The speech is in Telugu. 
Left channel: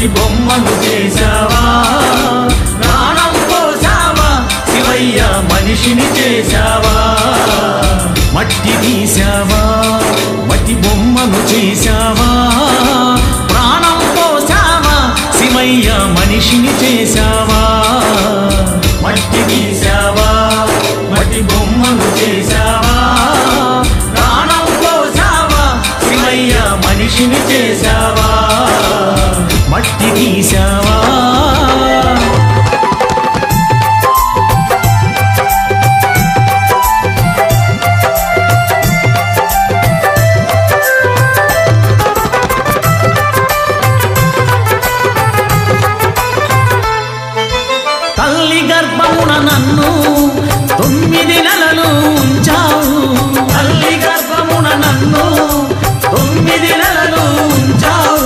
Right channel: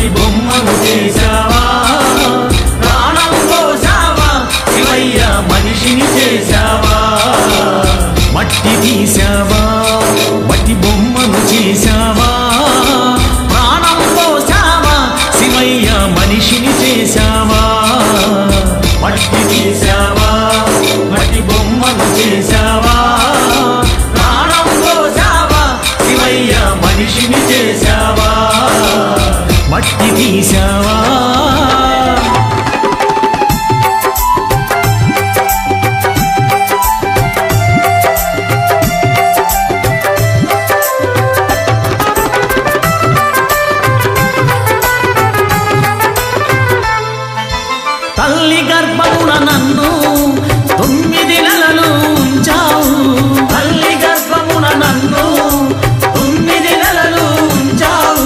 మట్టి బొమ్మను చేశావా, ప్రాణం పోసావా శివయ్య మనిషిని చేశావా. మట్టి తీసావా, మట్టి బొమ్మను చేశావా, ప్రాణం పోసావా శివయ్య మనిషిని చేశావా. మట్టి తీసావా, మట్టి బొమ్మను చేశావా, ప్రాణం పోసావా శివయ్య మనిషిని చేశావా. మట్టి తీసావా. తల్లి గర్భమున నన్ను 9 నెలలు ఉంచావు,